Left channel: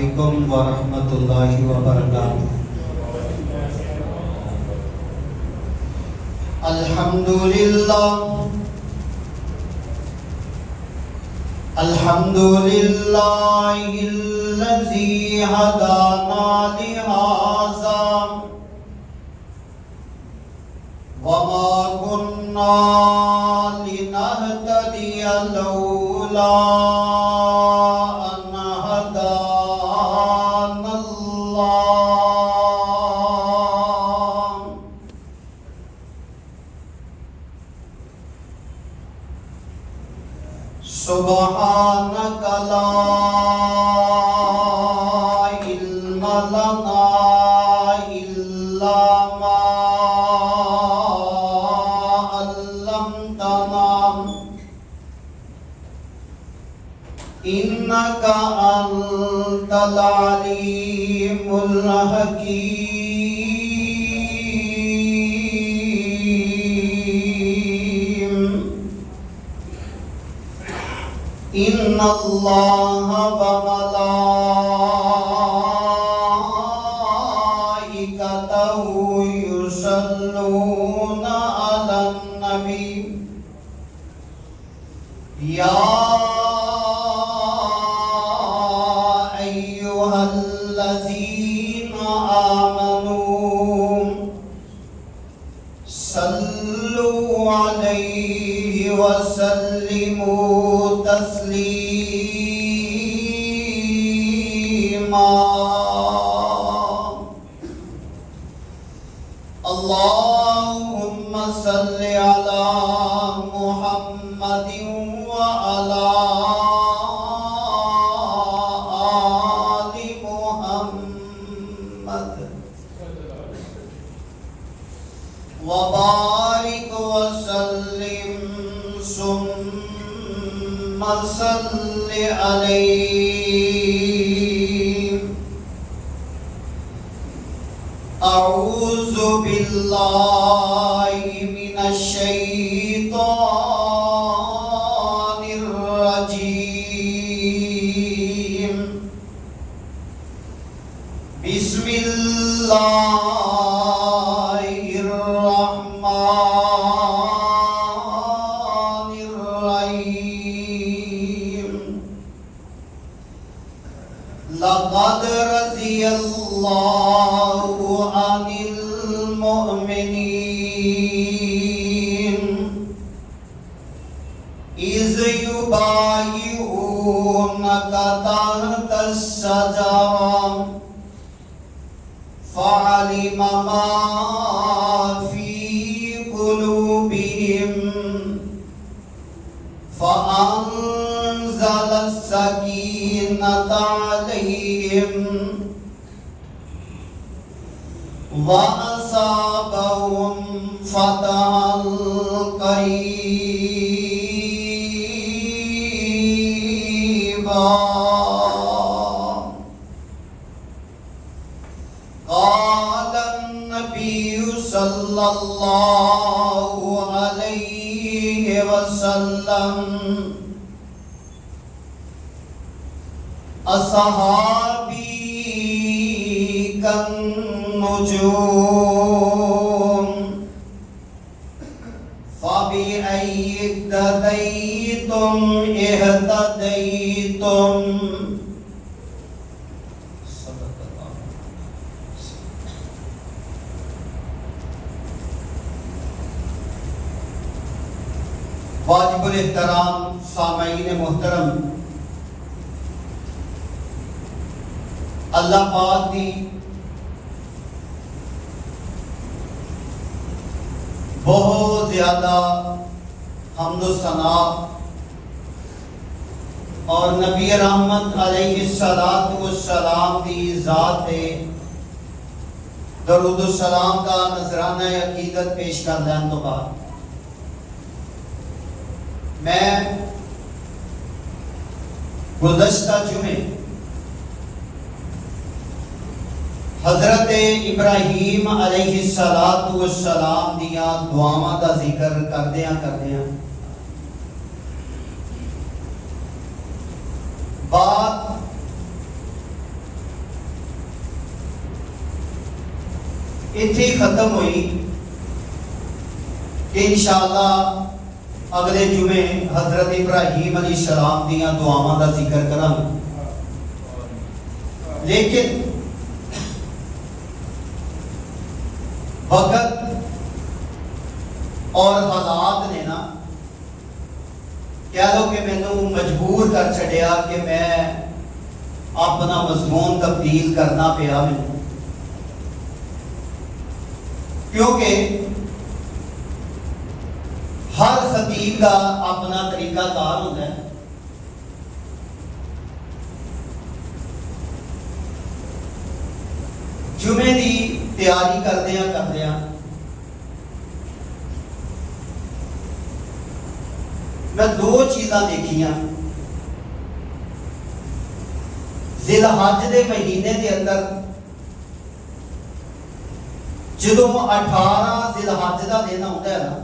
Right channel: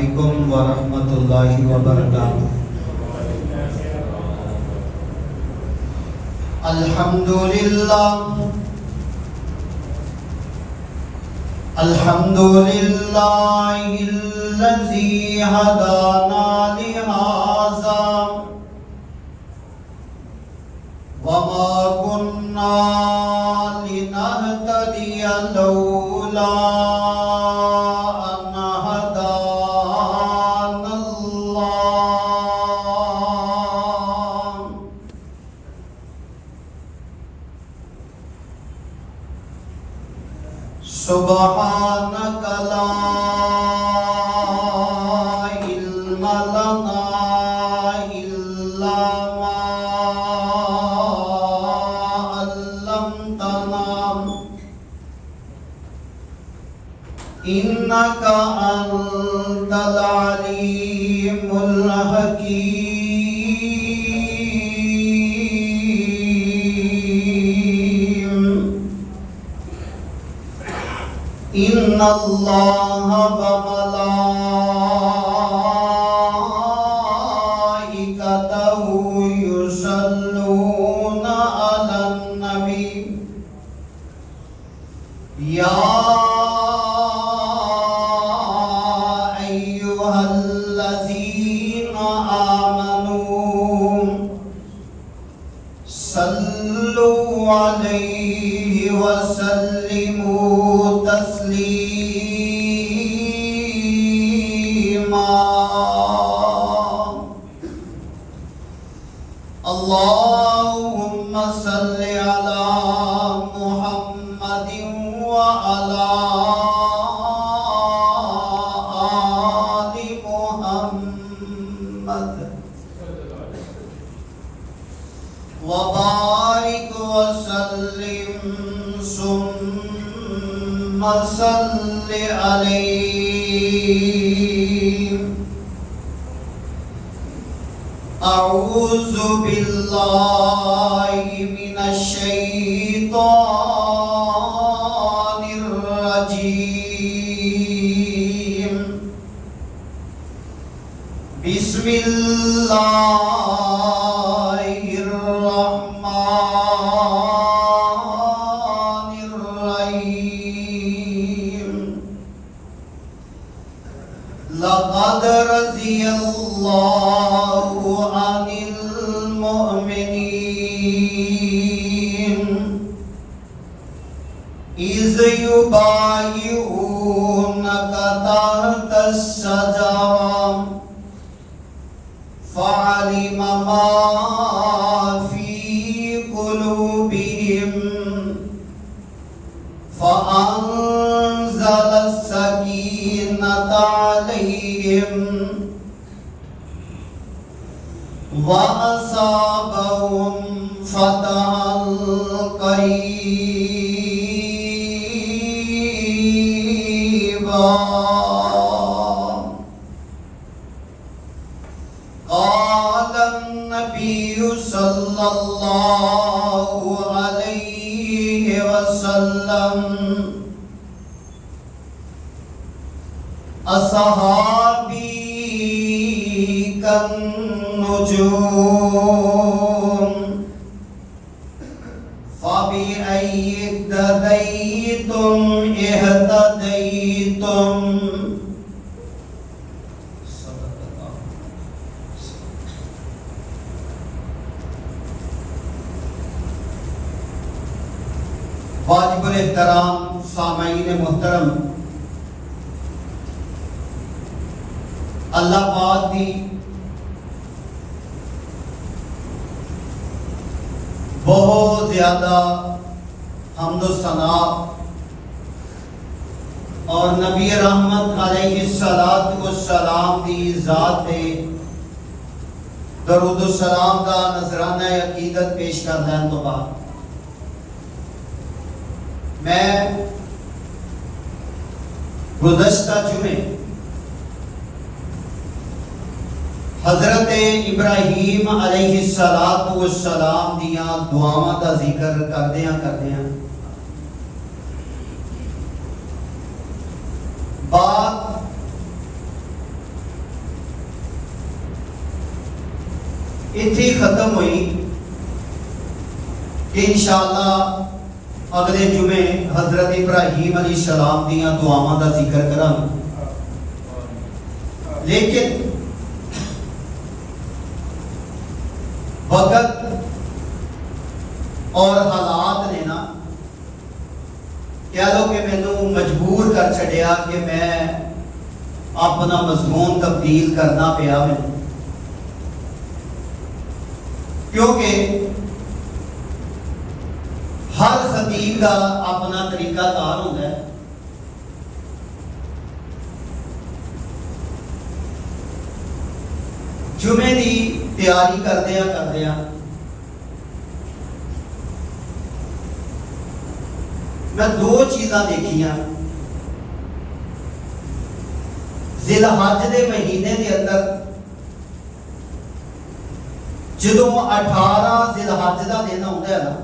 علیکم ورحمۃ اللہ وبرکاتہ۔ الحمدللہ الذی ہدانا لہذا وما كنا لنهتدي لولا أن هدانا الله سبحانك لا علم لنا إلا ما إنك أنت العليم الحكيم إن الله وملائكته يصلون على النبي يا صلوا عليه وسلموا تسليما اللهم صل على محمد وعلى آل محمد وبارك وسلم ثم صل عليه أعوذ بالله من الشيطان الرجيم بسم الله الرحمن الرحيم لقد رضي الله عن المؤمنين إذ يبايعونك تحت الشجرة فعلم ما في قلوبهم فأنزل السكينة عليهم وأصابهم فتحا قريبا قال النبي صلى الله عليه وسلم أصحابي كالنجوم فبأي اقتديتم اهتديتم واجب الاحترام سامعین محترم، اللہ پاک دی بہت زیادہ حمد و ثنا اور نبی رحمت علیہ السلام دی ذات تے درود و سلام دا نذرانہ عقیدت پیش کر دین تو بعد میں گزشتہ جمعے حضرت ابراہیم علیہ السلام دیاں دعاواں دا ذکر کردیاں بات اتھے ہی ختم ہوئی کہ انشاءاللہ اگلے جمعے حضرت ابراہیم علیہ السلام دیاں دعاواں دا ذکر کراں، لیکن وقت اور حالات نے نا کہہ لو کہ مینوں مجبور کر چھڑیا کہ میں اپنا مضمون تبدیل کرنا پیا مینوں، کیونکہ ہر خطیب کا اپنا طریقہ کار ہوتا ہے۔ جمعے دی تیاری کردیا میں دو چیزاں دیکھیاں۔ ذی الحج دے مہینے دے اندر جدوں 18 ذی الحج دا دن آتا ہے نا،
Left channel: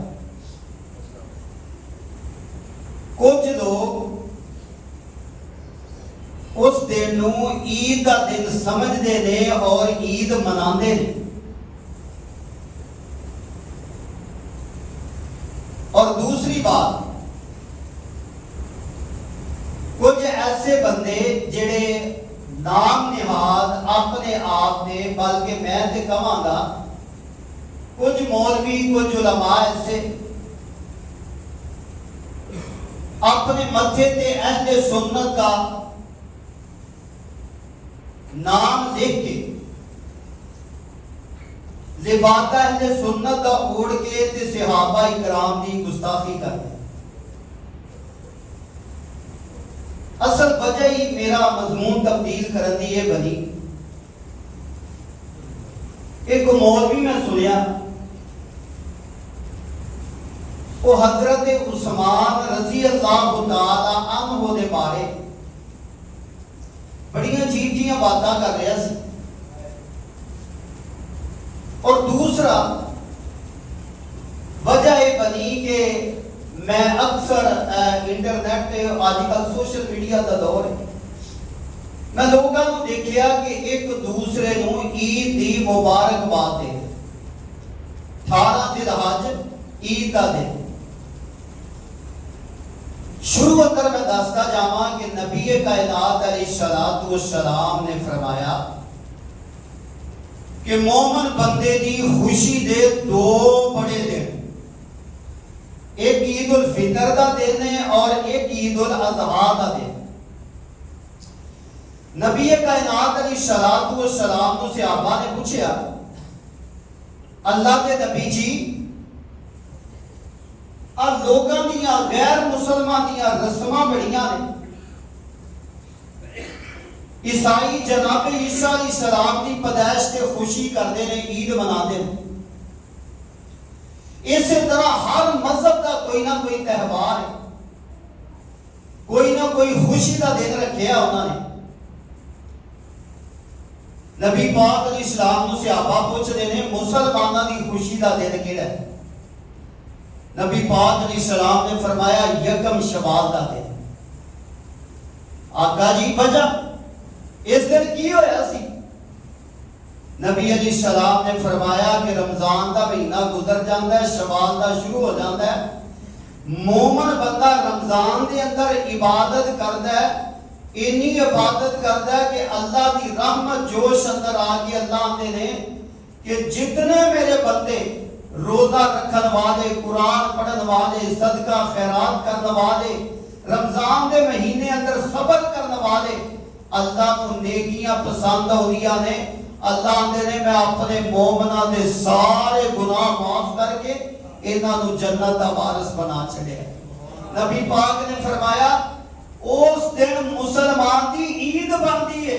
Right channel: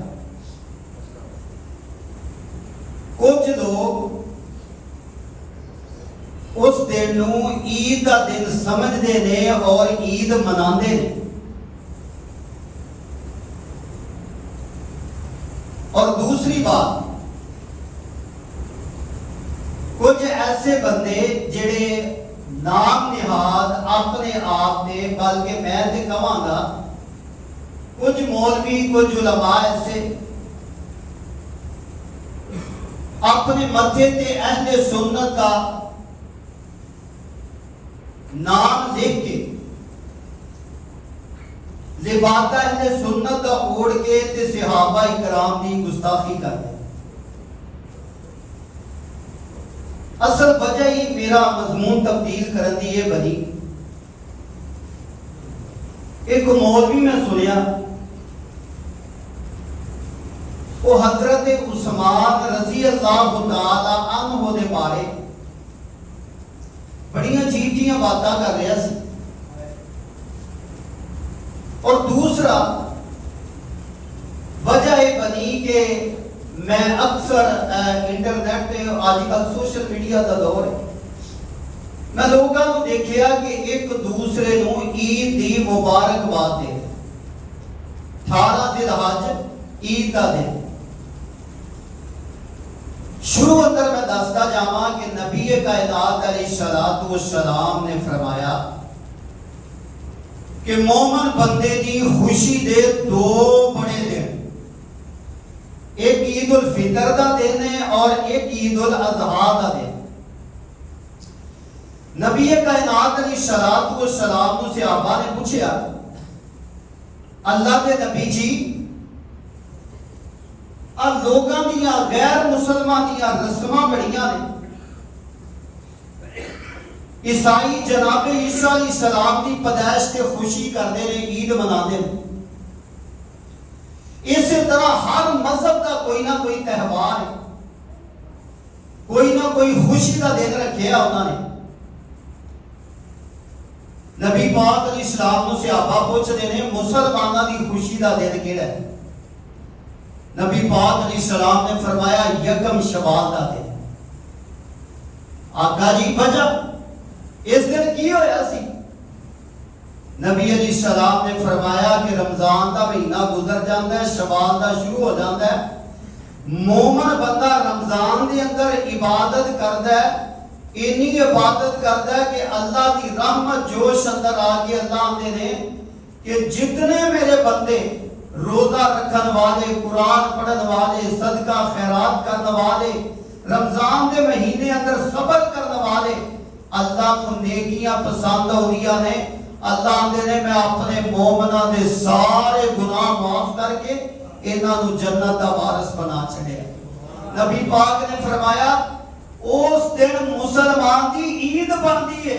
کچھ لوگ اس دن نو عید کا دن سمجھتے ہیں اور عید مناتے ہیں، اور دوسری بات کچھ ایسے بندے جڑے نام نہاد اپنے آپ نے، بلکہ میں تے کہاں گا کچھ مولوی کچھ علماء ایسے اپنے متھے تے اہل سنت کا نام لکھ کے لباس اہل سنت کا اوڑھ کے تے صحابہ اکرام دی گستاخی کرتے۔ اصل وجہ ہی میرا مضمون تبدیل کرن دی یہ بنی، ایک مولوی میں سنیا وہ حضرت عثمان رضی اللہ تعالی عنہ دے بارے بڑی عجیب جی باتاں کر رہا سی، اور دوسرا وجہ یہ بنی کہ میں اکثر انٹرنیٹ آج کل سوشل میڈیا کا دور ہے، میں لوگوں کو دیکھیا کہ ایک دوسرے نو عید دی مبارکباد دے 18 ذی الحج عید کا دن۔ شروع اندر میں دستا جاواں کہ نبی کائنات علیہ الصلوۃ والسلام نے فرمایا کہ مومن بندے دی خوشی دے دو بڑے دن، ایک عید الفطر دا دن ہے اور ایک عید الاضحیٰ دا دن۔ نبی کائنات علیہ الصلوۃ والسلام کو صحابہ نے پوچھا اللہ کے نبی جی اور لوگاں دیاں غیر مسلمان دیاں رسماں بڑیاں نے، عیسائی جناب عیسیٰ علیہ السلام کی پیدائش تے خوشی کرتے ہیں، عید مناتے ہیں، اسی طرح ہر مذہب کا کوئی نہ کوئی تہوار ہے، کوئی نہ کوئی خوشی کا دن رکھیا انہوں نے۔ نبی پاک علیہ السلام نے صحابہ پوچھتے ہیں مسلمانوں کی خوشی کا دن کیڑا ہے؟ نبی پاک علیہ السلام نے فرمایا یکم شوال کا دن۔ آقا جی وجہ اس دن کی ہویا سی؟ نبی علیہ السلام نے فرمایا کہ رمضان دا مہینہ گزر جاتا ہے، شوال دا شروع ہو جاتا ہے، مومن بندہ رمضان دے اندر عبادت کرتا ہے، اتنی عبادت کرتا ہے کہ اللہ دی رحمت جوش اندر آ کے اللہ آتے ہیں کہ جتنے میرے بندے روزہ رکھن والے، قرآن پڑھن والے، صدقہ خیرات کرنے والے، رمضان دے مہینے اندر صبر کرنے والے، اللہ کو نیکیاں پسند ہو رہی ہیں، اللہ نے میں اپنے مومنہ دے سارے گناہ معاف کر کے انہاں نو جنت دا وارث بنا چھڑے۔ نبی پاک نے فرمایا اس دن مسلمان دی عید بنتی ہے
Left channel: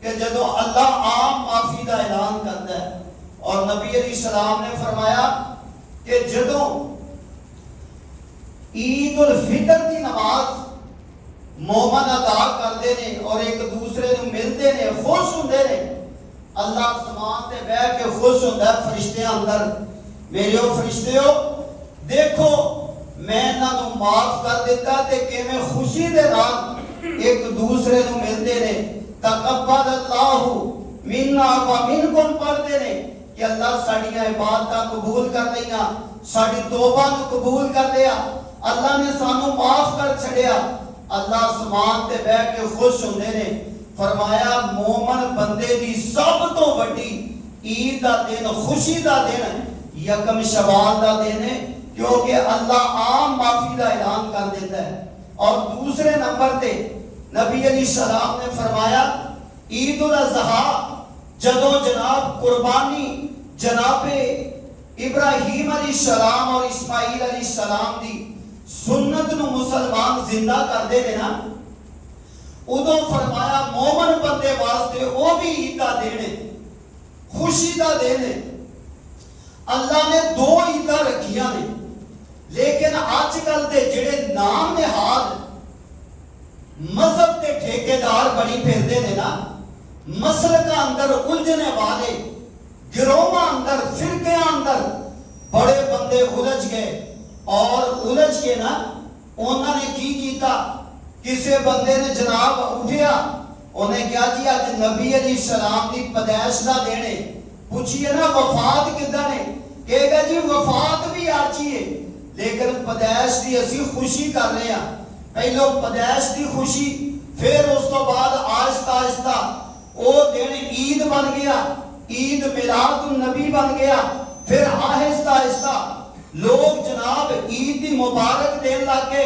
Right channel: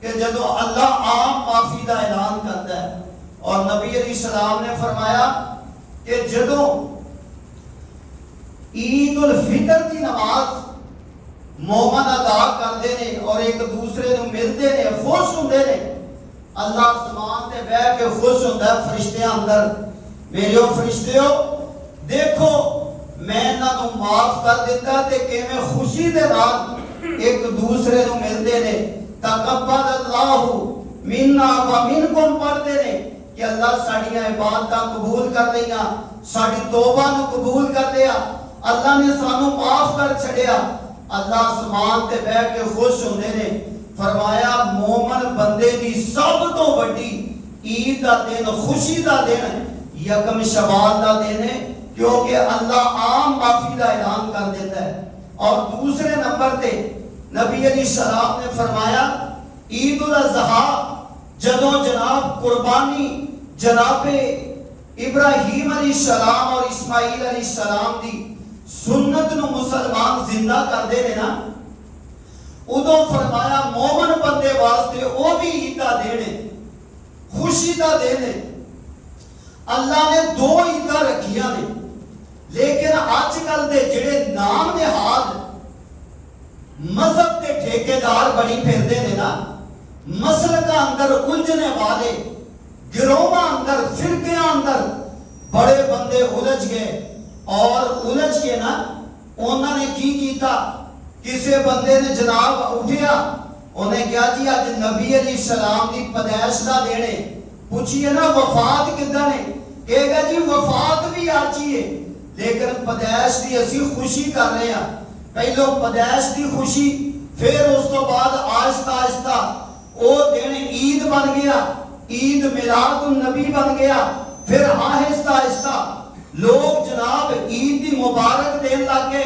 کہ جدو اللہ عام معافی دا اعلان کرتا ہے، اور نبی علیہ السلام نے فرمایا کہ جدو عید الفطر دی نماز مومن ادا کرتے ہیں اور ایک دوسرے نو ملتے ہیں، خوش ہوندے ہیں، اللہ آسمان تے بیٹھ کے خوش ہوندا ہے فرشتیاں اندر، میرے فرشتیو دیکھو میں انہاں نو معاف کر دیتا تے کیویں خوشی دے نال ایک دوسرے نو ملتے ہیں۔ تقبل اللہ منا و منکم پڑھتے ہیں کہ کہ اللہ ساڑیاں عبادتاں قبول کر لیا، ساڑی توبہ نو قبول کر لیا، اللہ نے سانو معاف کر چھڑیا۔ اللہ آسمان تے بیٹھ کے خوش ہونے نے فرمایا مومن بندے دی سب تو بڑی عید دا دن، خوشی دا دن یکم شوال دا دن ہے، کیونکہ اللہ عام معافی دا اعلان کر دیتا ہے۔ اور دوسرے نمبر تے نبی علیہ السلام نے فرمایا عید الاضحیٰ جدوں جناب قربانی جناب ابراہیم علیہ السلام اور اسماعیل علیہ السلام دی سنت نو مسلمان زندہ کر دے نا، ادو فرمایا مومن بندے واسطے وہ بھی عید کا دن ہے، خوشی کا دن ہے۔ اللہ نے دو عیداں رکھیاں نے، لیکن آج کل دے جڑے نام نہاد مذہب کے ٹھیکیدار بڑی پھردے نے نا، مسلک اندر الجھنے والے، گروہ اندر فرقے اندر بڑے بندے الجھ گئے، اور الجھ کے نا انہوں نے کی کیتا، کسے بندے نے جناب اٹھیا، انہیں کیا جی آج نبی علیہ السلام دی پیدائش دا دینے، پوچھئے نا وفات کدھر نے، کہے گا جی وفات بھی آجی ہے، لیکن پیدائش دی اسی خوشی کر رہے ہیں۔ پہلو پیدائش دی خوشی، پھر اس تو بعد آہستہ آہستہ وہ دن عید بن گیا، عید میلاد النبی بن گیا، پھر آہستہ آہستہ لوگ جناب عید دی مبارک دین لگے،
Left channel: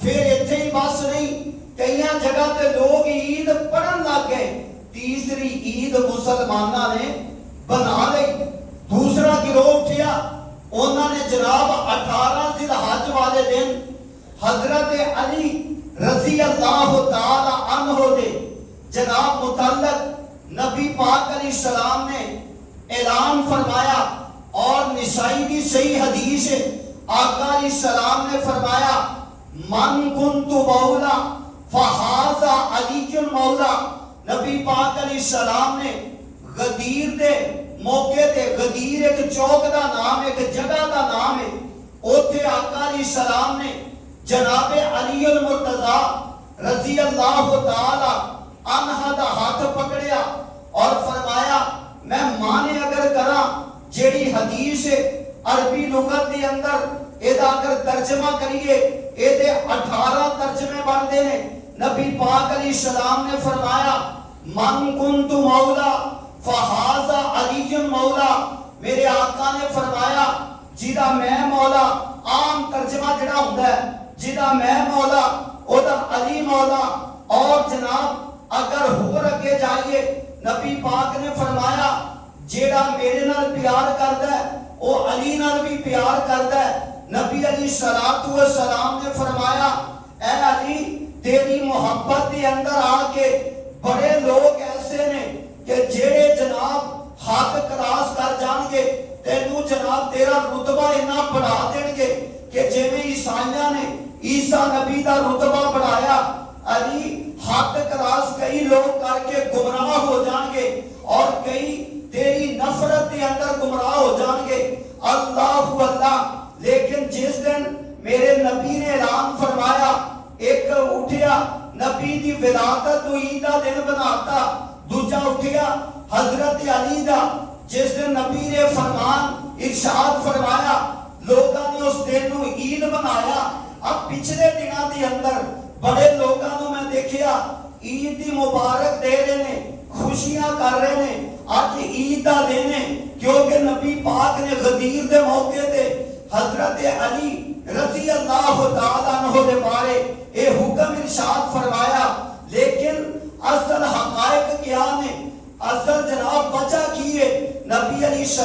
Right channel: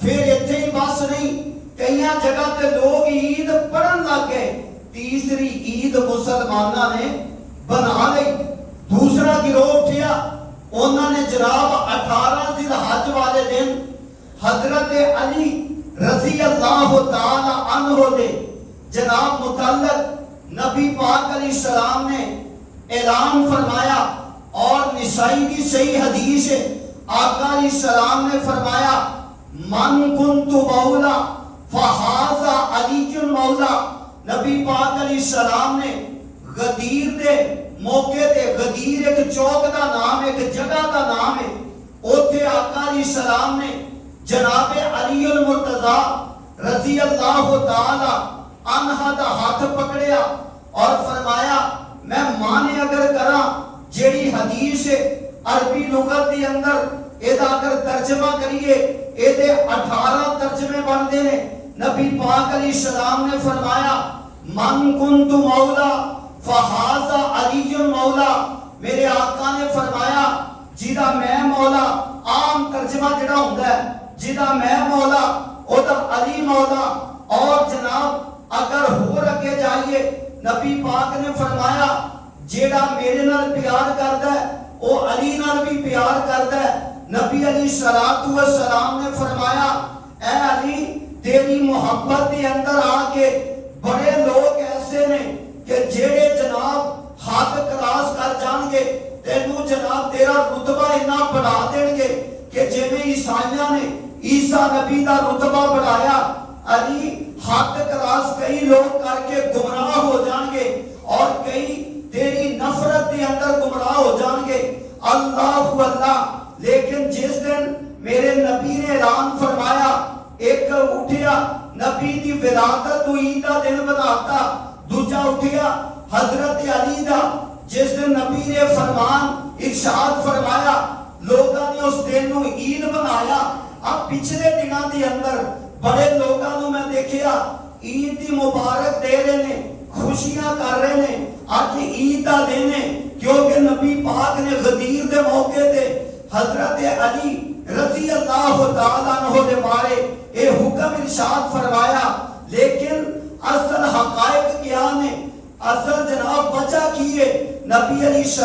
پھر اتنے ہی بس نہیں، کئی جگہ تے لوگ عید پڑھن لگ گئے، تیسری عید مسلمانہ نے بنا لئی۔ دوسرا گروہ اٹھیا، انہوں نے جناب 18 ذی الحج والے دن حضرت علی رضی اللہ تعالی عنہ دے جناب متعلق نبی پاک علیہ السلام نے اعلان فرمایا، اور نسائی کی صحیح حدیث ہے، آقا علیہ السلام نے فرمایا من کنت مولا فہذا علی مولا۔ نبی پاک علیہ السلام نے غدیر دے موقع تے، غدیر ایک چوک دا نام، ایک جگہ دا نام ہے، اوتھے آقا علیہ السلام نے جناب علی المرتضی رضی اللہ تعالی عنہ دا ہاتھ پکڑیا اور فرمایا میں مانے اگر کراں جیڑی حدیث عربی لغت دے اندر ایدہ اگر ترجمہ کریے ایدے 18 ترجمے بندے نے۔ نبی پاک علیہ السلام نے فرمایا من کنت مولا فہذا علی مولا، میرے آقا نے فرمایا جیدہ میں مولا، عام ترجمہ جڑا ہوتا ہے جیدہ میں مولا او دا علی مولا۔ اور جناب اگر ہو رکھے جائیے نبی پاک نے فرمایا جیڑا میرے نال پیار کردا ہے او علی نال بھی پیار کردا ہے۔ نبی علیہ السلام نے فرمایا اے علی تیری محبت کے اندر آ کے بڑے لوگ ایسے نے کہ جیڑے جناب حد کراس کر جان گے، تینوں جناب تیرا رتبہ اتنا بڑھا دیں گے کہ جویں عیسائیاں نے عیسیٰ نبی دا رتبہ بڑھایا، علی حد کراس کئی لوگ کر کے گمراہ ہو جان گے، اور کئی تیری نفرت کے اندر گمراہ ہو جان گے۔ اللہ اللہ، لیکن جس دن میرے نبی نے اعلان فرمایا، ایک اٹھیا نبی دی ولادت تو عید دا دن بناتا، دوجا اٹھیا حضرت علی دا جس دن نبی نے فرمان ارشاد فرمایا، لوگاں نے اس دن نو عید بنایا۔ اب پچھلے دنوں دے اندر بڑے لوگاں نو میں دیکھیا عید دی مبارک دے رہے نے، خوشیاں کر رہے نے، آج عید دا دن ہے، کیونکہ نبی پاک نے غدیر دے موقع تے حضرت علی رضی اللہ تعالیٰ عنہ دے بارے اے حکم ارشاد فرمایا۔ لیکن اصل حقائق کیا نے، اصل جناب وجہ کی ہے؟ نبی علیہ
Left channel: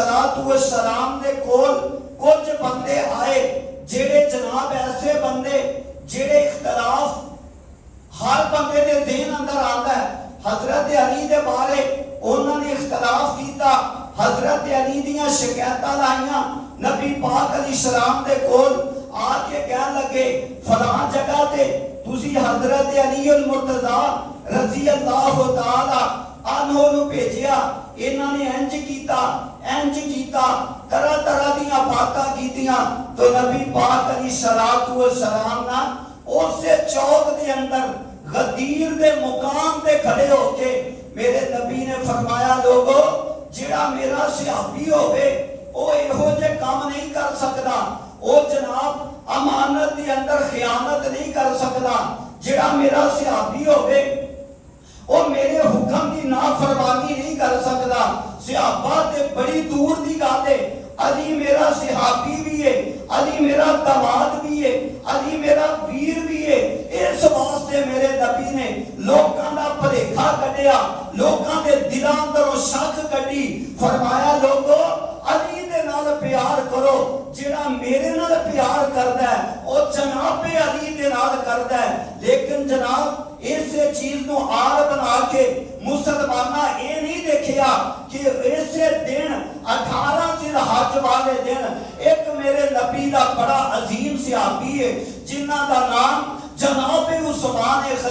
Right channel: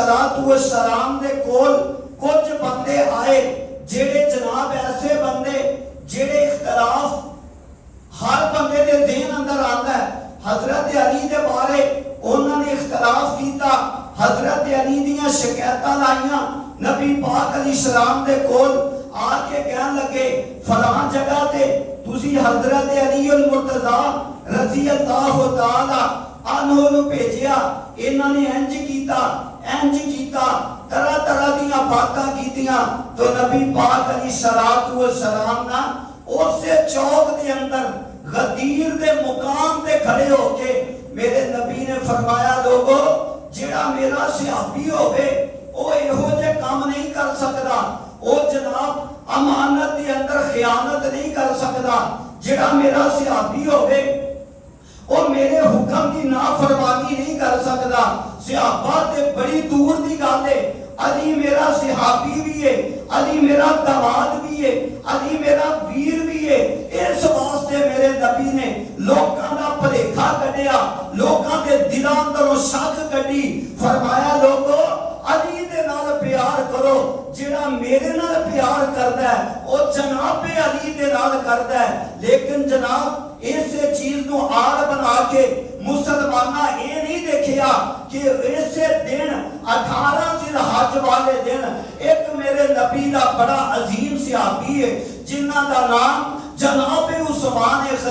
السلام دے کول کچھ بندے آئے جیڑے جناب ایسے بندے جیڑے اختلاف ہر بندے دے ذہن اندر آتا ہے، حضرت علی دے بارے انہوں نے اختلاف کیتا، حضرت علی دیاں شکایتاں لائیاں، نبی پاک علیہ السلام دے کول آ کے کہنے لگے فلاں جگہ تے تسی حضرت علی المرتضی رضی اللہ تعالی عنہ نو بھیجیا، انہوں نے انج کیتا، طرح طرح دیاں باتاں کیتیاں، تو نبی پاک علیہ السلام نا اسے چوک دے اندر غدیر دے مقام تے کھڑے ہو کے میرے نبی نے فرمایا لوگو جڑا ਜਿਹੜਾ ਮੇਰਾ ਸਿਹਾਬੀ ਹੋਵੇ ਉਹ ਇਹੋ ਜਿਹੇ ਕੰਮ ਨਹੀਂ ਕਰ ਸਕਦਾ, ਉਹ ਜਨਾਬ ਅਮਾਨਤ ਦੇ ਅੰਦਰ ਖਿਆਨਤ ਨਹੀਂ ਕਰ ਸਕਦਾ। ਜਿਹੜਾ ਮੇਰਾ ਸਿਹਾਬੀ ਹੋਵੇ ਉਹ ਮੇਰੇ ਹੁਕਮ ਦੀ ਨਾਫਰਮਾਨੀ ਨਹੀਂ ਕਰ ਸਕਦਾ। ਸਿਹਾਬਾ ਤੇ ਬੜੀ ਦੂਰ ਦੀ ਗੱਲ ਹੈ। ਅਲੀ ਮੇਰਾ ਸਿਹਾਬੀ ਵੀ ਹੈ, ਅਲੀ ਮੇਰਾ ਦਵਾਦ ਵੀ ਹੈ, ਅਲੀ ਮੇਰਾ ਵੀਰ ਵੀ ਹੈ। ਇਸ ਵਾਸਤੇ ਮੇਰੇ ਨਬੀ ਨੇ ਲੋਕਾਂ ਦਾ ਭੁਲੇਖਾ ਕੱਢਿਆ, ਲੋਕਾਂ ਦੇ ਦਿਲਾਂ ਅੰਦਰੋਂ ਸ਼ੱਕ ਕੱਢੀ। ਫਰਮਾਇਆ ਲੋਗੋ ਅਲੀ ਦੇ ਨਾਲ ਪਿਆਰ ਕਰੋ, ਜਿਹੜਾ ਮੇਰੇ ਨਾਲ ਪਿਆਰ ਕਰਦਾ ਹੈ ਉਹ ਜਨਾਬੇ ਅਲੀ ਦੇ ਨਾਲ ਕਰਦਾ ਹੈ। ਲੇਕਿਨ ਜਨਾਬ ਇਸੇ ਚੀਜ਼ ਨੂੰ ਆੜ ਬਣਾ ਕੇ ਮੁਸਲਮਾਨਾਂ ਇਹ ਨਹੀਂ ਦੇਖਿਆ ਕਿ ਇਸੇ ਦਿਨ 18 ਜ਼ਿਲਹੱਜ ਵਾਲੇ ਦਿਨ ਇੱਕ ਮੇਰੇ ਨਬੀ ਦਾ ਬੜਾ ਅਜ਼ੀਮ ਸਿਹਾਬੀ ਹੈ ਜਿਨ੍ਹਾਂ ਦਾ ਨਾਮ ਜਨਾਬੇ ਉਸਮਾਨ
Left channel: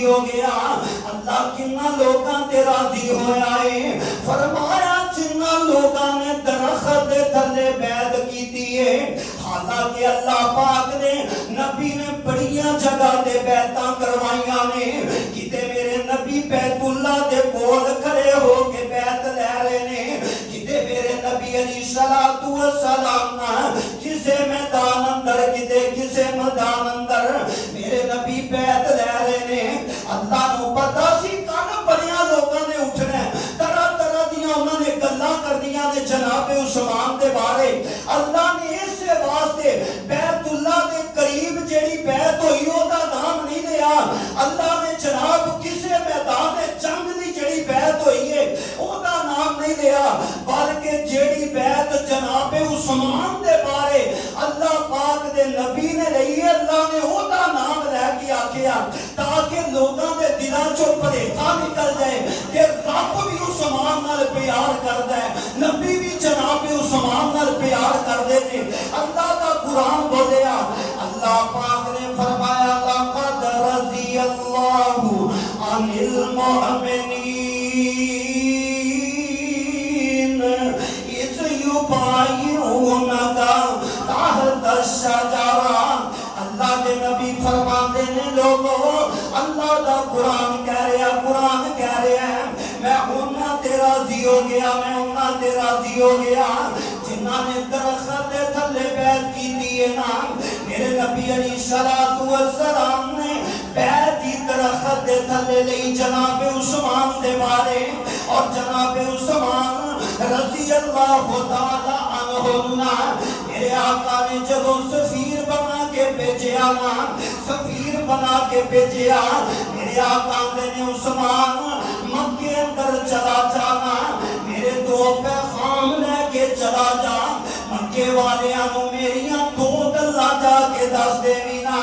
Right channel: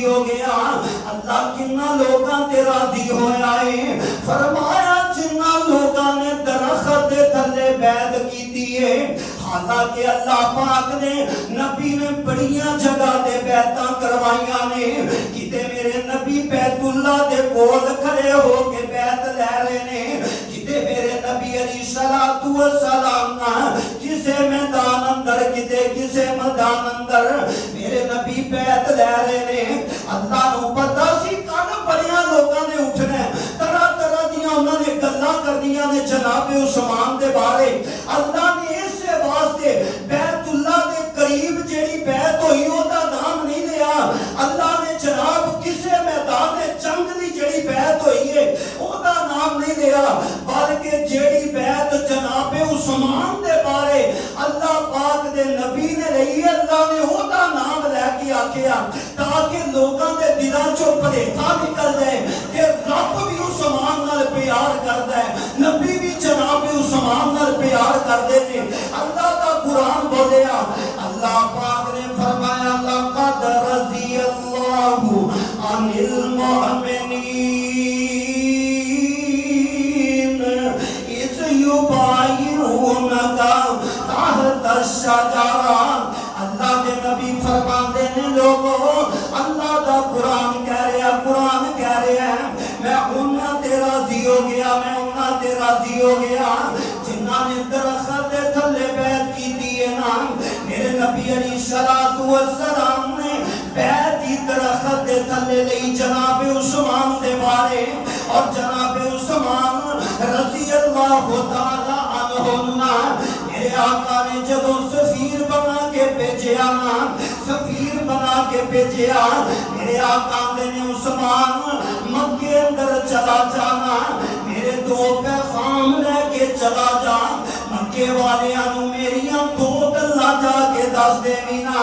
راضی ہو گیا. اللہ کنا لوگاں تے راضی ہویا ہے. فرمایا جنہ لوگاں نے درخت دے تھلے بیعت کیتی ہے. حالانکہ اللہ پاک نے نبی نے بڑیاں جگہ دے بیعتاں کروائیاں نے. کتے میرے نبی بیت اللہ دے کول کھڑے ہو کے بیعت لے رہے نے. کتے میرے نبی علیہ الصلوۃ والسلام کسے میدان اندر کتے کسے میدان اندر میرے نبی بیعت لے رہے نے. اللہ نو پتہ سی کن بڑیاں لوگاں نے اٹھنا طرح طرح دیاں انہاں نے گلاں کردیاں نے جناب عثمان دے بارے. اللہ نے اس واسطے بیت اللہ دے قریب جیڑی بیعت ہوئی او دا نام نہیں لیا. اللہ نے جناب کسے میدان جنگ دی جیڑی بیعت ہوئی ہے او دا نام نہیں لیا بلکہ جیڑی بیعت جناب عثمان دے بارے اللہ پاک دے نبی نے لئی ہے اللہ نے او دا نام لے کے آکھیا تاکہ لوگاں دے دلاں چوں بھلیکا نکل جائے کہ رب بھی عثمان نال پیار کردا ہے نبی بھی جناب عثمان نال پیار کردے نے. اللہ کا قرآن بولیا اللہ پاک نے فرمایا لقد رضی اللہ عن المؤمنین اذ یبایعونک تحت الشجرہ. اللہ دے نبی فرماتے ہیں لوگوں اللہ دا قرآن کہہ رہا ہے میں انہاں تے راضی ہو گیا میں انہاں تے راضی ہو گیا جنہاں نے درخت دے تھلے بیعت کیتی ہے نا. میرے نبی علیہ الصلوۃ والسلام نے بیعت کی درخت دے تھلے لئی جناب عثمان دے بارے اور جناب عثمان رضی اللہ تعالی عنہ میرے آقا نے جب سفیر بنا کے بھیجیا نا سفیر بنا کے بھیجیا میرے آقا نے عثمان مکے اندر چلا جانا میرے دو پیغام لے کے چلا جا مکے والیاں نو میریاں دو گلاں جا کے دس دیویں نا.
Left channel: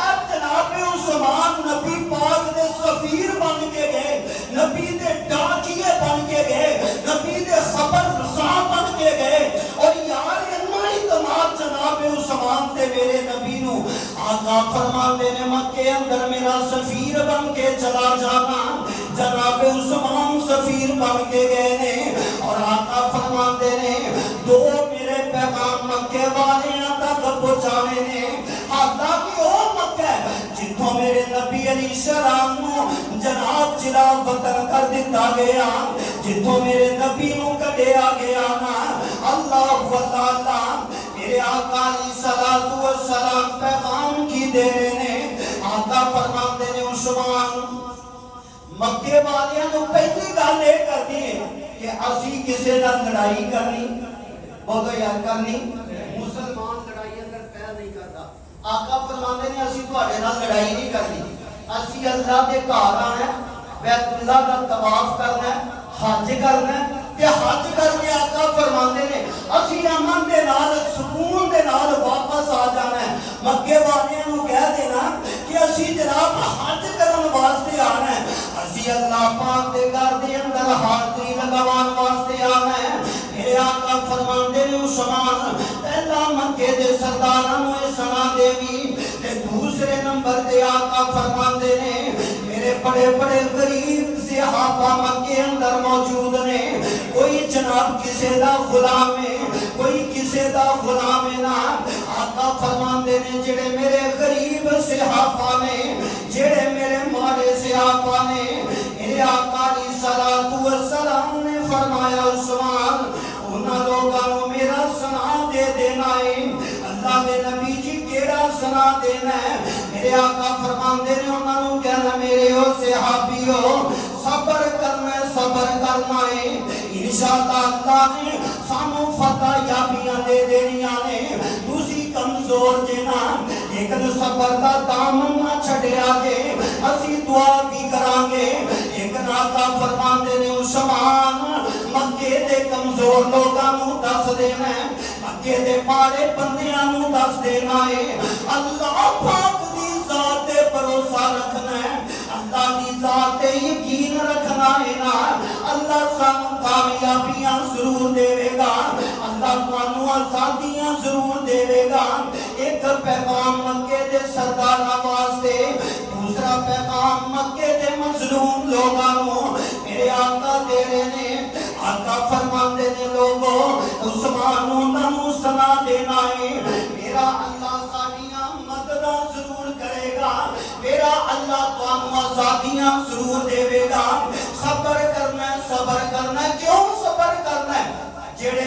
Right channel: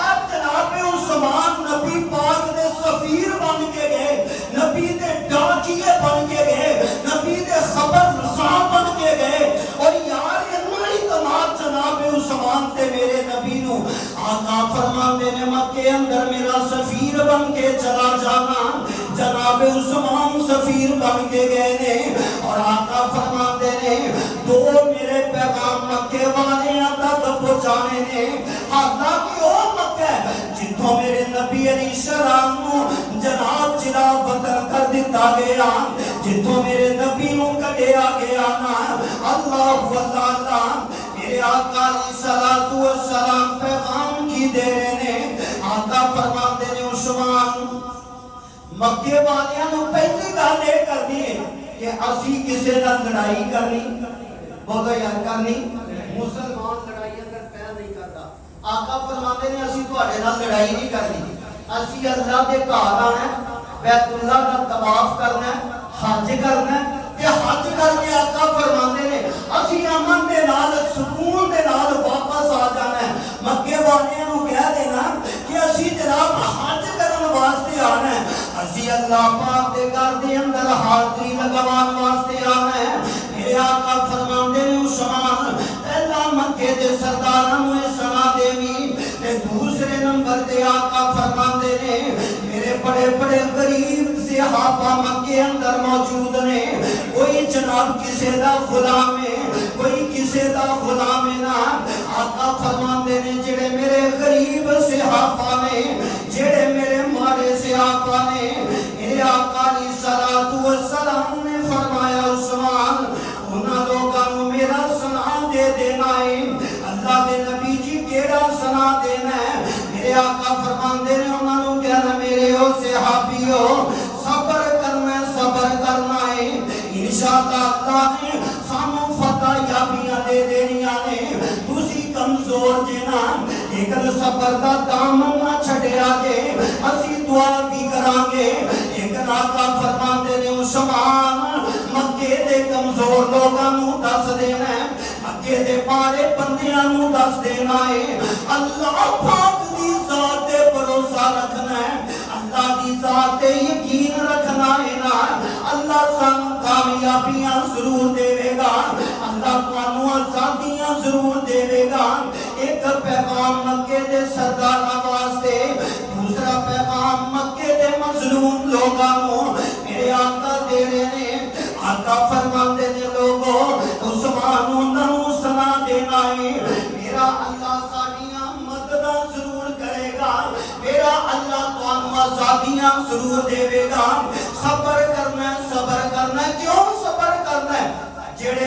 اے جناب عثمان نبی پاک دے سفیر بن کے گئے نبی دے ڈاکیے بن کے گئے نبی دے خبر رساں بن کے گئے اور یار اتنا اعتماد جناب عثمان تے میرے نبی نو آقا فرماندے نے مکے اندر میرا سفیر بن کے چلا جانا. جناب عثمان سفیر بن کے گئے نے اور آقا فرماندے نے دو میرے پیغام مکے والیاں تک پہنچانے نے. حالانکہ او مکہ جتوں میرے نبی علیہ السلام نو جناب چرا وطن کر دیتا گیا جتوں میرے نبی نو کڈیا گیا نا اللہ اللہ میرے آقا علیہ الصلوۃ والسلام پیغام کی دے رہے نے. آقا فرماتے نے عثمان مکے والیاں نو پہلی گل یہ کرنی ہے کہ اسی کسے نال لڑائی کرنی بولو یار کرنی. مسلمان لڑائی اندر پیر نہیں کرتا. آقا فرماتے نے اسی تواڈے نال لڑائی نہیں کرنی اسی اللہ دے گھر آنا بیت اللہ دا طواف کرنا حج کرنا تے حج کر کے آقا فرماتے نے اسی امن دے نال سکون دے نال واپس آ جانا ہے. مکے والیاں نو کہہ دینا کہ اسی جناب حج کرن واسطے آنا ہے اسی اللہ پاک دے گھر دے اندر حاضری لگوان واسطے آنا ہے. میرے آقا فرماندے نے عثمان پہلا مکے دے سرداراں نو سنا دیوی تے دوسرے نمبر تے آقا فرماندے نے میرے بڑے بڑے غریب صحابہ مکے اندر موجود نے کوئی جناب کسے دا غلام ہے کوئی کسے دا غلام ہے نا. آقا فرماندے نے جڑے میرے غریب صحابہ نے جڑے میرے مارے صحابہ نے میرے آقا علیہ الصلوۃ والسلام نے فرمایا عثمان انہاں لوگاں نو میرا سنا دے دینا ہے. اللہ دے نبی جی کیڑا سنا دینا ہے. میرے آقا فرماندے نے انہاں نو کہنا میرے او صحابیو صبر کرنا ہے انشاءاللہ اللہ نے سانو فتح یابیاں دے دینیاں نے. تسی کمزور جے نا لیکن صبر دا دامن نہ چھڈیا جے اسی دعا بھی کران گے. لیکن آقا فرماندے نے عثمان مکے دے کمزور لوگاں نو دس دینا ہے مکے دے مارے بندیاں نو دس دینا ہے. اللہ پاک دی ذات تے بھروسہ رکھنا ہے اللہ دی ذات تے یقین رکھنا ہے نا. اللہ سانو کامیابیاں ضرور دے گا اللہ تانوں آزادیاں ضرور دے گا. ایک پیغام مکے دے سرداراں واسطے دوسرا پیغام مکے ਜ਼ਰੂਰ ਦੇਵੇਗਾ। ਸਬਰ ਕਰਨਾ, ਸਬਰ ਕਰਨਾ। ਕਿਉਂ ਸਬਰ ਕਰਨਾ? ਜਿਹੜੇ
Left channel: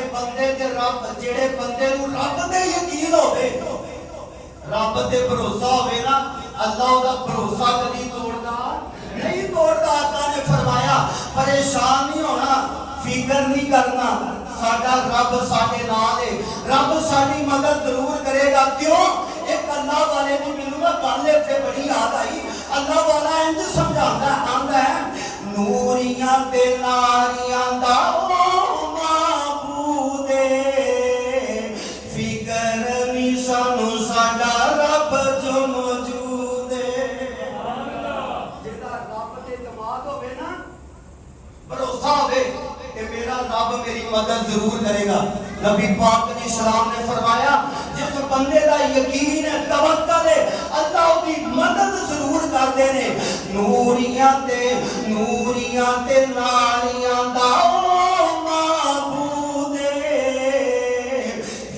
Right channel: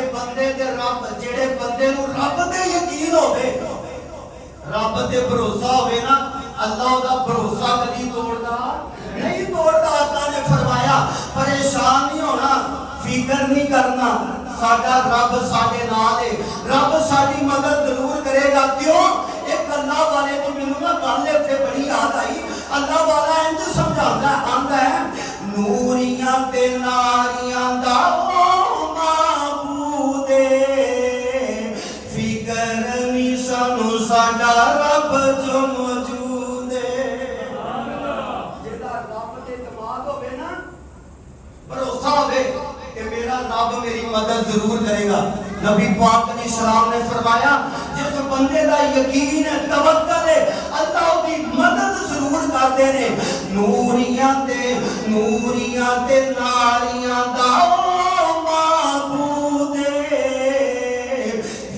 ਬੰਦੇ ਨੂੰ ਰੱਬ ਤੇ ਯਕੀਨ ਹੋਵੇ, ਰੱਬ ਤੇ ਭਰੋਸਾ ਹੋਵੇ ਨਾ, ਅੱਲਾਹ ਉਹਦਾ ਭਰੋਸਾ ਕਦੀ ਤੋੜਦਾ ਨਹੀਂ ਤੋੜਦਾ। ਆਕਾ ਨੇ ਫਰਮਾਇਆ ਪਰੇਸ਼ਾਨ ਨਹੀਂ ਹੋਣਾ, ਫਿਕਰ ਨਹੀਂ ਕਰਨਾ, ਸਾਡਾ ਰੱਬ ਸਾਡੇ ਨਾਲ ਹੈ, ਰੱਬ ਸਾਡੀ ਮਦਦ ਜ਼ਰੂਰ ਕਰੇਗਾ। ਕਿਉਂ? ਇੱਕ ਅੱਲਾਹ ਵਾਲੇ ਦੀ ਮੈਨੂੰ ਨਾ ਗੱਲ ਇੱਥੇ ਬੜੀ ਯਾਦ ਆਈ। ਅੱਲਾਹ ਵਾਲਾ ਇੰਜ ਸਮਝਾਉਂਦਾ ਆਂਦਾ ਹੈ, ਨੂਰੀਆਂ ਤੇ ਨਾਰੀਆਂ ਦਾ ਉਹ ਮਾਬੂਦੇ, ਫਿਕਰ ਨਹੀਂ ਸਾਨੂੰ ਸਾਡਾ ਰੱਬ ਜੋ ਮੌਜੂਦ ਹੈ। ਜਿਹਦਾ ਰੱਬ ਤੇ ਇਤਮਾਦ ਹੋਵੇ ਨਾ, ਭਰੋਸਾ ਹੋਵੇ ਕਿ ਮੇਰਾ ਰੱਬ ਮੇਰੀ ਮਦਦ ਜ਼ਰੂਰ ਕਰੇਗਾ। ਨਬੀ ਪਾਕ ਨੇ ਸਲਾਮ ਨੇ ਫਰਮਾਇਆ ਜਿਸ ਬੰਦੇ ਦਾ ਯਕੀਨ ਹੈ, ਤਵੱਕਲ ਹੈ, ਅੱਲਾਹ ਉਹਦੀ ਮਦਦ ਜ਼ਰੂਰ ਕਰਦੇ ਨੇ। ਨੂਰੀਆਂ ਤੇ ਨਾਰੀਆਂ ਦਾ ਉਹ ਮਾਬੂਦੇ,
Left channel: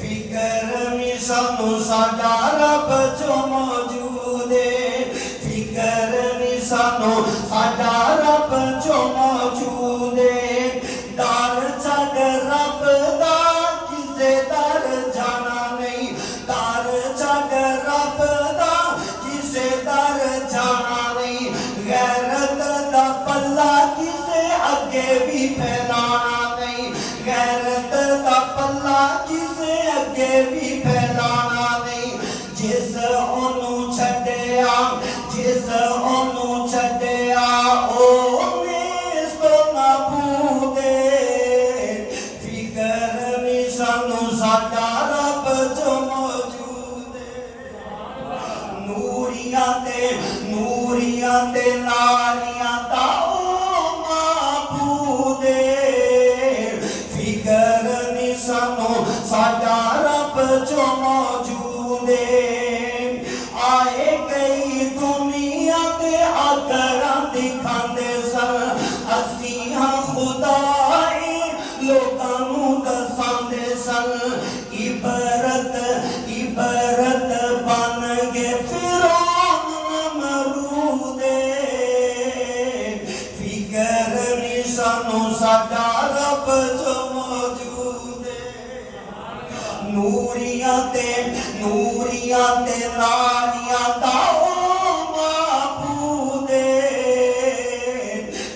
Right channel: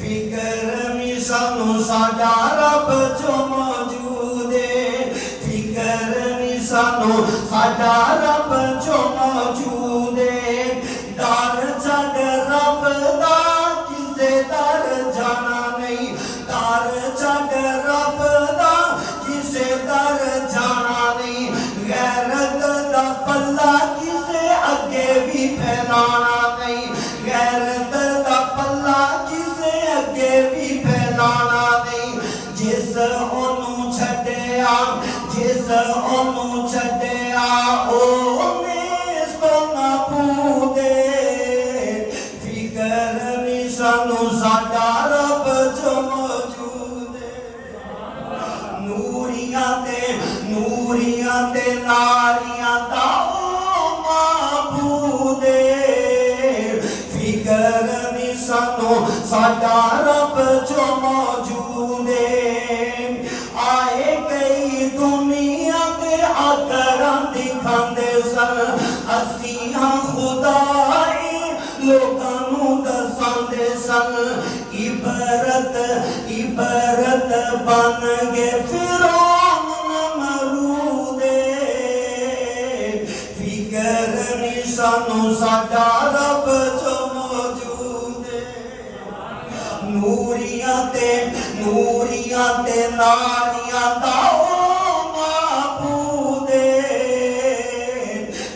ਫਿਕਰ ਨਹੀਂ ਸਾਨੂੰ ਸਾਡਾ ਰੱਬ ਜੋ ਮੌਜੂਦ ਹੈ, ਫਿਕਰ ਨਹੀਂ ਸਾਨੂੰ ਸਾਡਾ ਰੱਬ ਜੋ ਮੌਜੂਦ ਹੈ। ਡਰ ਛੱਡ ਰੱਬ ਦਾ ਕਿਸੇ ਦਰ ਜਾਣਾ ਨਹੀਂ, ਡਰ ਛੱਡ ਰੱਬ ਦਾ ਕਿਸੇ ਦਰ ਜਾਣਾ ਨਹੀਂ। ਗੈਰਤ ਦਾ ਪੱਲਾ ਕਿਸੇ ਅੱਗੇ ਵੀ ਫੈਲਾਣਾ ਨਹੀਂ, ਗੈਰਤ ਦਾ ਪੱਲਾ ਕਿਸੇ ਅੱਗੇ ਵੀ ਫੈਲਾਣਾ ਨਹੀਂ। ਜਿਸ ਉਹਨੂੰ ਛੱਡਿਆ ਉਹਨੇ ਇਸ ਤੋਂ ਨਾ ਭੂਦੇ, ਫਿਕਰ ਨਹੀਂ ਸਾਨੂੰ ਸਾਡਾ ਰੱਬ ਜੋ ਮੌਜੂਦ ਹੈ। ਨੂਰੀਆਂ ਤੇ ਨਾਰੀਆਂ ਦਾ ਉਹ ਮਾਬੂਦੇ, ਫਿਕਰ ਨਹੀਂ ਸਾਨੂੰ ਸਾਡਾ ਰੱਬ ਜੋ ਮੌਜੂਦ ਹੈ। ਆਏ ਕਈ ਦੁਨੀਆ ਦੇ ਆਕਰਾਂ ਦਿਖਾਉਂਦੇ ਸਨ, ਅਸੀਂ ਹਾਂ ਖੁਦਾਏ ਲੋਕਾਂ ਨੂੰ ਦਸਾਂਦੇ ਸਨ। ਇਬਰਤ ਬਣ ਗਏ ਫਿਰੌਨ ਨਮਰੂਦੇ, ਫਿਕਰ ਨਹੀਂ ਸਾਨੂੰ ਸਾਡਾ ਰੱਬ ਜੋ ਮੌਜੂਦ ਹੈ। ਨੂਰੀਆਂ ਤੇ ਨਾਰੀਆਂ ਦਾ ਉਹ ਮਾਬੂਦੇ,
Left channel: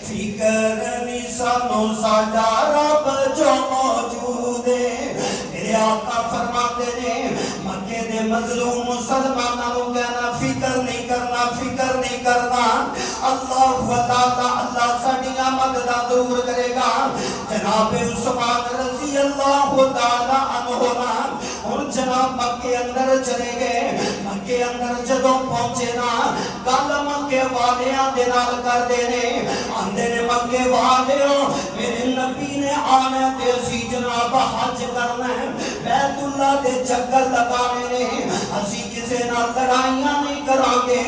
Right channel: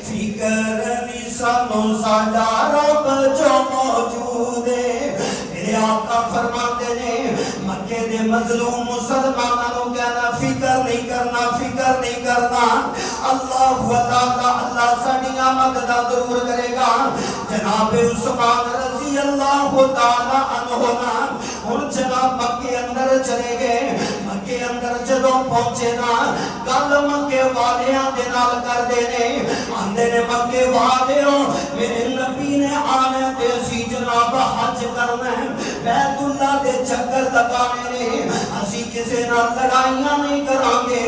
ਫਿਕਰ ਨਹੀਂ ਸਾਨੂੰ ਸਾਡਾ ਰੱਬ ਜੋ ਮੌਜੂਦ ਹੈ। ਮੇਰੇ ਆਕਾ ਫਰਮਾਤੇ ਨੇ ਮੱਕੇ ਦੇ ਮਜ਼ਲੂਮ ਮੁਸਲਮਾਨਾਂ ਨੂੰ ਕਹਿਣਾ ਫਿਕਰ ਨਹੀਂ ਕਰਨਾ, ਫਿਕਰ ਨਹੀਂ ਕਰਨਾ, ਅੱਲਾਹ ਸਾਡੀਆਂ ਮਦਦਾਂ ਜ਼ਰੂਰ ਕਰੇਗਾ। ਜਨਾਬੇ ਉਸਮਾਨ ਰਜ਼ੀ ਅੱਲਾਹੁ ਤਾਲਾ ਅਨਹੁ ਹੁਣ ਜਨਾਬ ਮੱਕੇ ਅੰਦਰ ਚਲੇ ਗਏ। ਮੱਕੇ ਅੰਦਰ ਜਦੋਂ ਪਹੁੰਚੇ ਨਾ, ਗੱਲ ਮੱਕੇ ਵਾਲਿਆਂ ਦੇ ਨਾਲ ਕਰਦੇ ਨੇ, ਆਂਦੇ ਨੇ ਮੱਕੇ ਵਾਲਿਓ ਮੇਰੇ ਨਬੀ ਨੇ ਆਣਾ ਤੇ ਅਸੀਂ ਜਨਾਬ ਹੱਜ ਕਰਨਾ ਹੈ, ਬੈਤੁੱਲਾ ਦੇ ਚੱਕਰ ਲਗਾਣੇ ਨੇ, ਅਸੀਂ ਕਿਸੇ ਨਾਲ ਲੜਾਈਆਂ ਨਹੀਂ ਕਰਾਂਗੇ।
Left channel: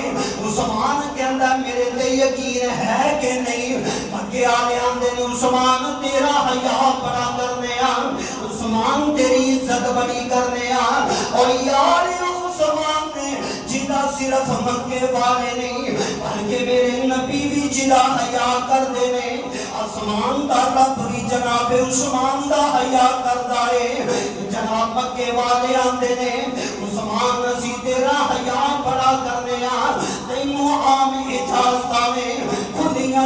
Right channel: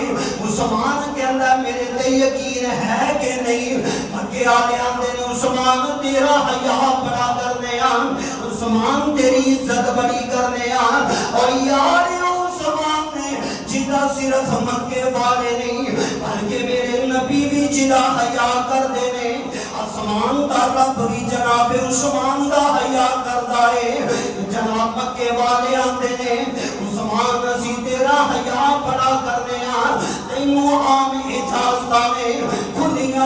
ਉਸਮਾਨ ਕਹਿੰਦਾ ਮੇਰੇ ਤੇ ਯਕੀਨ ਹੈ ਕਿ ਨਹੀਂ? ਮੱਕੇ ਵਾਲੇ ਆਂਦੇ ਨੇ ਉਸਮਾਨ ਤੇਰਾ ਹਯਾ ਬੜਾ ਕਰਨੇ ਆ, ਉਸਮਾਨ ਤੇਰੀ ਇੱਜ਼ਤ ਬੜੀ ਕਰਨੇ ਆ। ਔਰ ਯਾਰ ਉਸਮਾਨ ਨੇ ਜਿਹਦਾ ਸਿਰਫ ਮੱਕੇ ਵਾਲੇ ਨਹੀਂ ਬਲਕਿ ਮੇਰੇ ਨਬੀ ਵੀ ਜਿਹਦਾ ਹਯਾ ਕਰਦੇ ਨੇ, ਆਸਮਾਨ ਦਾ ਰੱਬ ਵੀ ਜਨਾਬ ਉਸਮਾਨ ਦਾ ਹਯਾ ਕਰਦਾ ਏ। ਜਨਾਬ ਮੱਕੇ ਵਾਲੇ ਆਂਦੇ ਨੇ ਉਸਮਾਨ ਅਸੀਂ ਤੇਰਾ ਹਯਾ ਬੜਾ ਕਰਨੇ ਆ, ਤੈਨੂੰ ਆਮ ਇਜਾਜ਼ਤਾਂ ਨੇ, ਖੁੱਲੀਆਂ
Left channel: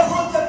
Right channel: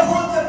ਇਹੋ ਜਿਹੇ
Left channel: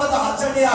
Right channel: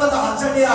ਵਧਾ ਛੱਡਿਆ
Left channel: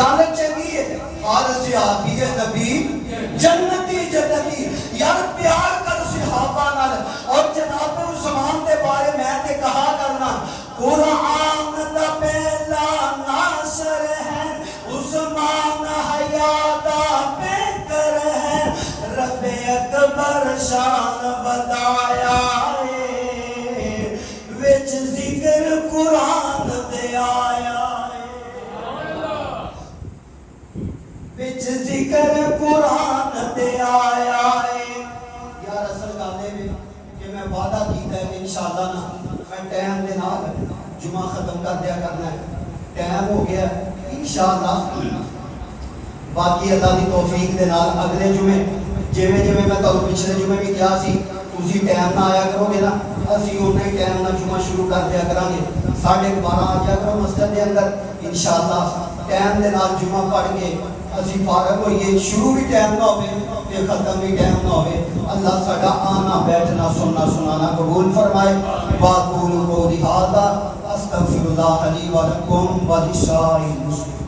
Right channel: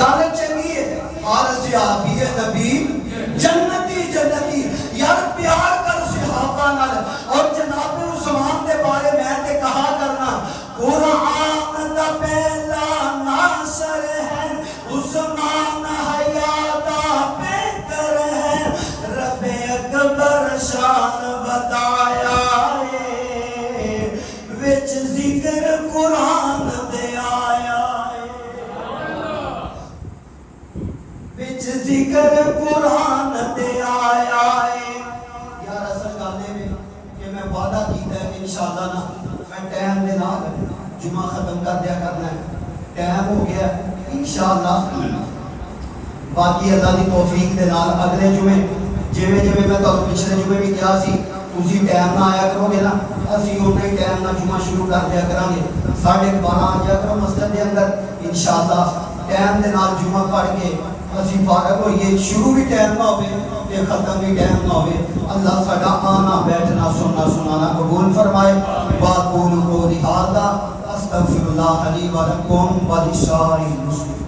گل چنگی ہے اور صحابی نبی جنتی جنتی یار پیار کر صحابہ نال اور جناب عثمان دے بارے میں تے کہا کرنا قرآن دا پہلا ناصر ہے عثمان حیات پیکر ہے رب اکبر شان بتایا ہے وچ ذکر قرآن دے آیا وچ ذکر قرآن دے آیا ہے یار اصل گل ہے کہ میں وعدہ کیتا ہے کہ انشاءاللہ نا میں ٹائم دے نال جمعہ ختم کر دیا کرنا ہے ٹائم ہو گیا انشاءاللہ باقی اللہ دی توفیق دے نال اگلے جمعے جویں میں تو پچھلے جمعے بھی کیا سی اسی ٹائم نہ آیا کرو گے نا اسی اُنے ٹائم نہ جمعہ شروع کر دیا کران گے 12:30 آ جا کرو مسجد دے اندر انشاءاللہ ٹائم دے نال جمعہ پڑھ کے اسی فارغ ہوئیے شروع بھی ٹائم نہ ہوئے تے ختم بھی ٹائم نہ ہوئے اللہ ساڈا آنا بیٹھنا سننا سنانا قبول فرمائے واقول قولی ھذا استغفر اللہ لی ولکم ولسائر المسلمین